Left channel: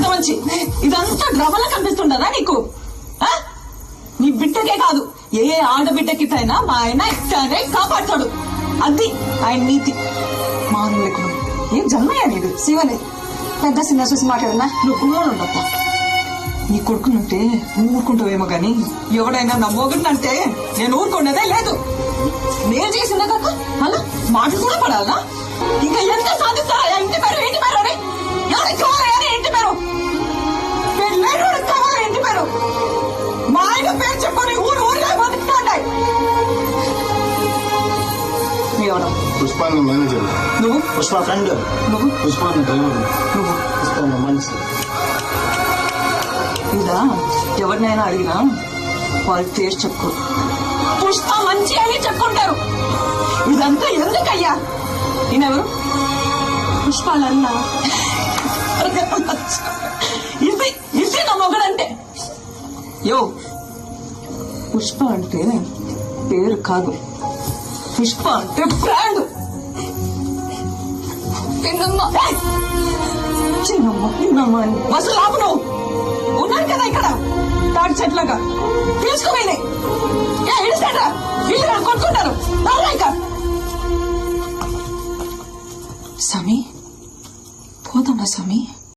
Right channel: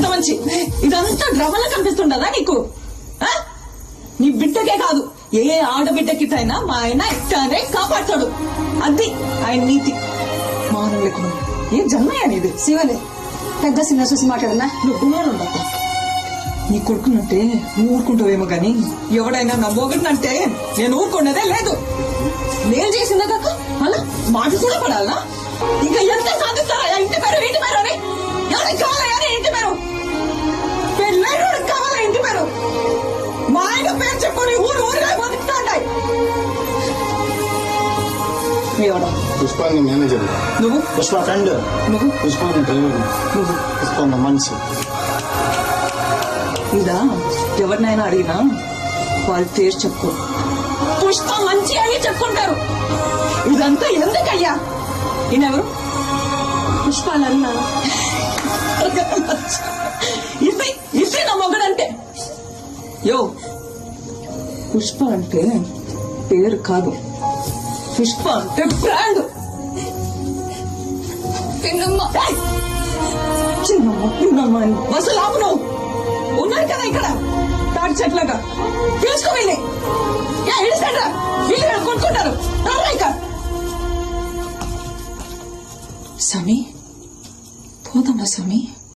పెద్ద మంచి ఇదంతా డ్రామాలా కనిపిస్తుండదా నీకు? నీ బిడ్డకే కాదు ఏ ఆడబిడ్డకిటైనా మా ఆయన ఇట్టానే కాపాడతాడు. అది ఆయన నీతి. మానం లేకుండా ఏం జన్మయ్యా నీది? శివలే పెద్ద సినిమా చూసి మాట్లాడనా? నువ్వు గుమ్మనుండప్ప. నీ కొడుకునంటే నువ్వు ఊరుకుంటావేమో గాని ఎవడైనా నా మొగుడినంటే నేను ఊరుకున్నదే లేదు. నేను చేసిందో కాక అలా మాట కూడా పడాలా? ఇంకా ఎంత సాధిస్తారా? ఇంటి పేరు ఇంటి పేరు అని ఎవరికి కావాలి? ఇంటి పేరు పేరు కావాలా? ఇంటి పేరు మా ఆయన పేరు చెప్పుకొని ఊరు ఊరుగా బతుకుతాంటాయి. ఎవరు? పుష్ప మేనేజర్. నువ్వు? పుష్ప ఫ్రెండ్. నువ్వు? పుష్ప డ్రైవర్. నువ్వు? పుష్ప మనిషి. ఇలా ఎవరినైనా అడిగినా వాళ్ళ పేరు చెప్పుకో. పుష్ప మంచి అని చెప్పుకుంటారు. ఇదంతా ఎందుకయ్యా? ఈయనెవరు? పుష్పాలన్నా ఇది ఇది నా మొగడంటే. యో, పుష్ప అంటే పేరు కాదు, పుష్ప అంటే బ్రాండ్. చిన్నమ్మ అసలు ఆపు. నువ్వు ఉన్నారు కదా ఇక్కడ తాటి చెట్లగా తీసుకువెళ్ళి వీళ్ళు కొనుక్కుంటారు. సమీ పోదామా సమీ?